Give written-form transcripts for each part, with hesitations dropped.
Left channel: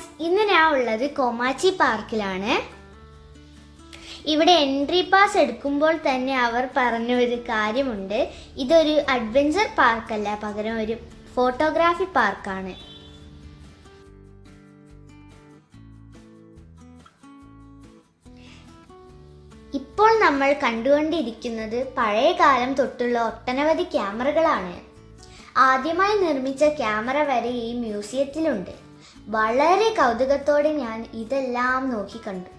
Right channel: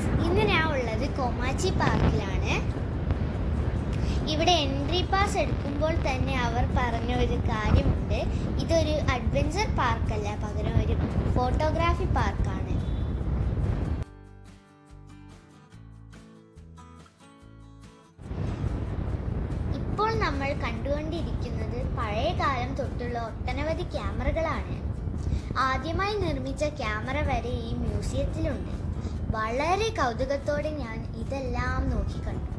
Viewers, ഇന്ന് ഞാൻ ഉള്ളത് കോമാച്ചി പാർക്കിലാണ്. ഇവിടെ എൻട്രി പാസ് എടുക്കുമ്പോൾ തന്നെ അവർ പറഞ്ഞ ഒരു കാര്യമുണ്ട്. ഇതൊരു അഡ്വഞ്ചർ പാർക്കല്ല, പകരം ഒരു ഫോട്ടോഗ്രാഫി പാർക്കാണ്. ഇപ്പോൾ നമ്മൾ കണ്ടുകൊണ്ടിരിക്കുന്നത് പഴയ കാലം തൊട്ടുള്ള ഒട്ടനവധി ക്യാമറകളാണ്. ആദ്യമായി നിർമ്മിച്ച ക്യാമറ വരെ ഈ മ്യൂസിയത്തിലുണ്ട്. വളരെ കൗതുകത്തോടെ ഞാൻ ഇതെല്ലാം നോക്കിക്കണ്ടു.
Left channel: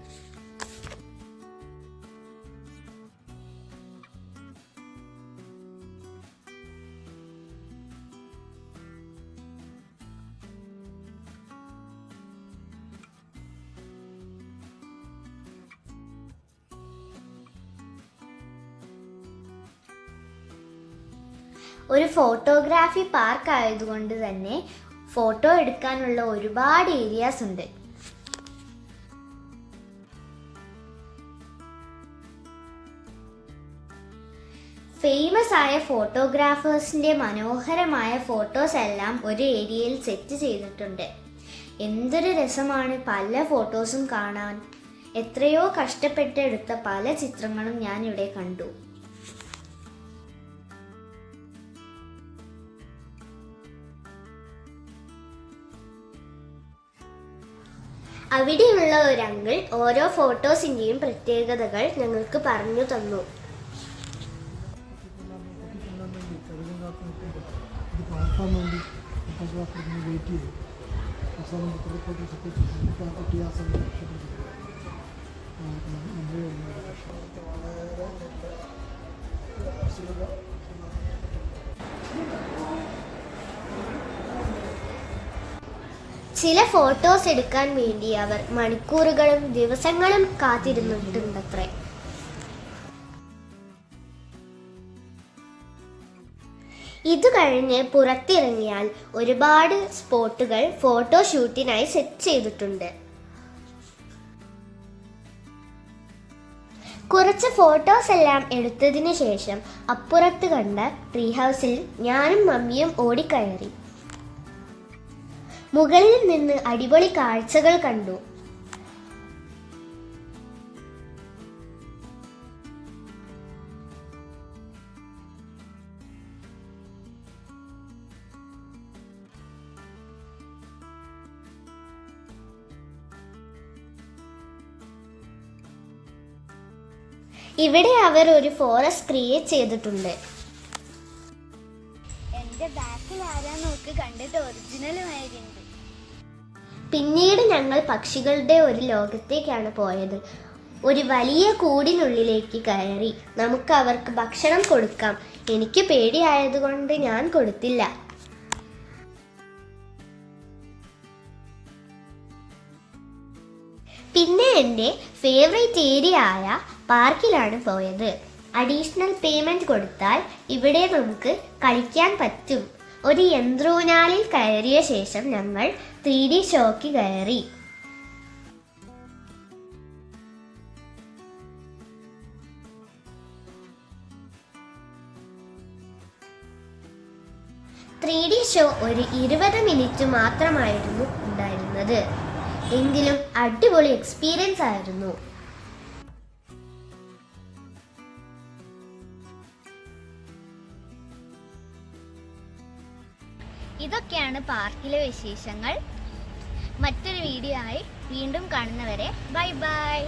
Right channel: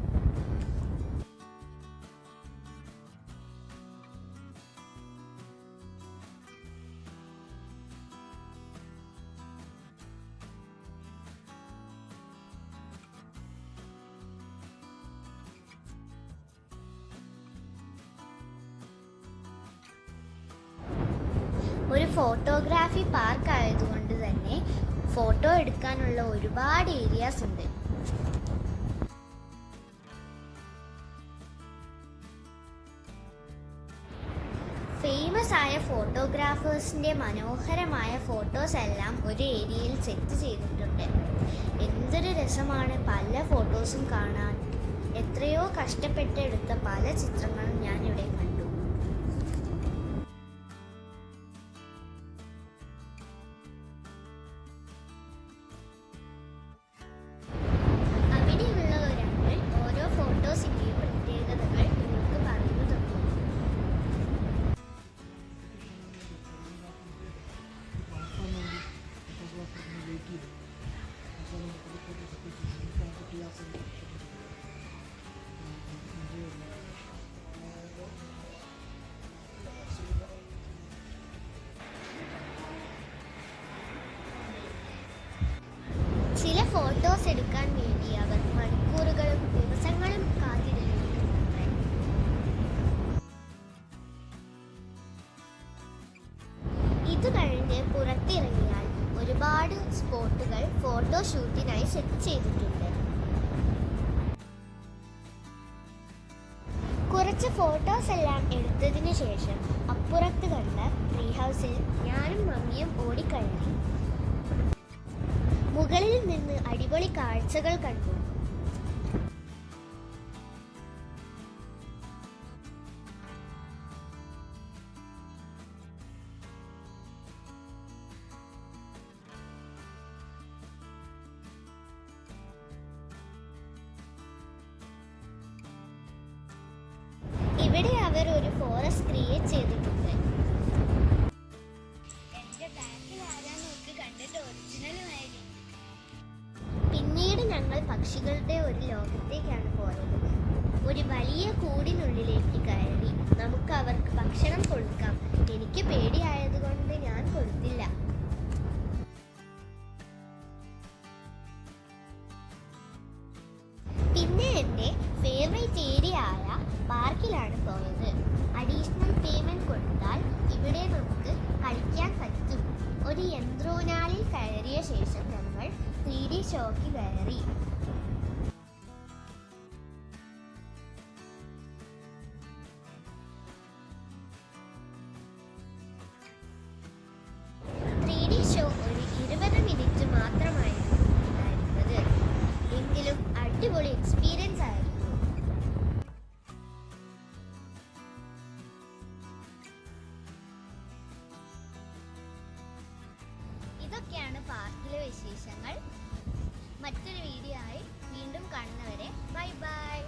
ഒരു ഫോട്ടോഗ്രാഫി പാർക്ക് ആയതുകൊണ്ട് തന്നെ ഫോട്ടോ എടുക്കാനുള്ള ഒരുപാട് ഏരിയാസ് ഉണ്ട്. ഫേമസ് ആയ ഫോട്ടോഗ്രാഫേഴ്സിന്റെ മനോഹരമായ ഫോട്ടോസ് എല്ലാം ഒരു ഏരിയയിൽ സെറ്റ് ചെയ്തിട്ടുണ്ട്. എന്തൊരു രസമാണ് പല ഫോട്ടോസും കാണാൻ. എത്രയോ കഷ്ടപ്പെട്ടെടുത്ത പല ചിത്രങ്ങളും ഞാൻ ഇവിടെ കണ്ടു. അവിടെയുള്ള ഒരു അങ്കിൾ ഓരോ ഫോട്ടോസിന്റെയും പ്രത്യേകതകൾ ഞങ്ങൾക്ക് പറഞ്ഞു തന്നു. ചില ഫോട്ടോസ് എടുക്കാൻ വേണ്ടി അവർ മണിക്കൂറുകളും ദിവസങ്ങളും കാത്തിരുന്നിട്ടുണ്ടത്രേ. ഇത് കഴിഞ്ഞ് പുറത്തിറങ്ങിയാൽ ഒരുപാട് സ്പോട്ടുകൾ ഫോട്ടോഷൂട്ടിനായി സെറ്റ് ചെയ്തിട്ടുണ്ട്. കുറച്ച് ഫോട്ടോസ് എല്ലാം എടുത്തതിന് ശേഷം അപ്പുറത്ത് കണ്ട ട്രീ ഹൗസിൽ ഞാനും മമ്മിയും ഓടിക്കയറി. മുകളിൽ നിന്ന് അടിപൊളി കാഴ്ചകൾ കണ്ടു. ഇവിടെ അവർ ഒരു ഫോറസ്റ്റ് ക്രിയേറ്റ് ചെയ്തിട്ടുണ്ട്. എന്റെ ബാക്കിൽ ആരാ നോക്ക്, കണ്ടിട്ട് ഒറിജിനലുമായിരുന്നു. പിന്നീട് ഞങ്ങൾ പക്ഷികളുടെ ഒരു ലോകത്തേക്കാണ് പോയത്. ഒരു വലിയ കൂടിനുള്ളിലേക്ക് കയറി നമുക്ക് അവർക്ക് ഭക്ഷണം കൊടുക്കാം. എനിക്ക് പേടിയായതുകൊണ്ട് ഞാൻ കൊടുത്തില്ല. പിന്നെ എൻ്റെ ഫേവറേറ്റ് ഏരിയ ആയ പാർക്കിലാണ് പോയത്. അഡീഷണൽ പേയ്മെൻറ്റ് കൊടുത്താൽ ഇവിടെ നമുക്ക് കളിക്കാൻ പറ്റും. ഒരു യന്ത്രൂഞ്ഞാലിൽ കയറിയ ശേഷം ഞങ്ങൾ 3D ഷോയ്ക്ക് കയറി. ഷോ ഒരു 20 മിനിറ്റ് മാത്രമായിരുന്നു ഉണ്ടായിരുന്നത്. എങ്കിലും അടിപൊളി എക്സ്പീരിയൻസ് ആയിരുന്നു. ഇതൊക്കെയാണ് പാർക്കിലെ വിശേഷങ്ങൾ. മറ്റൊരു വീഡിയോ ആയി വീണ്ടും കാണുന്നവരെ ബൈ ബൈ.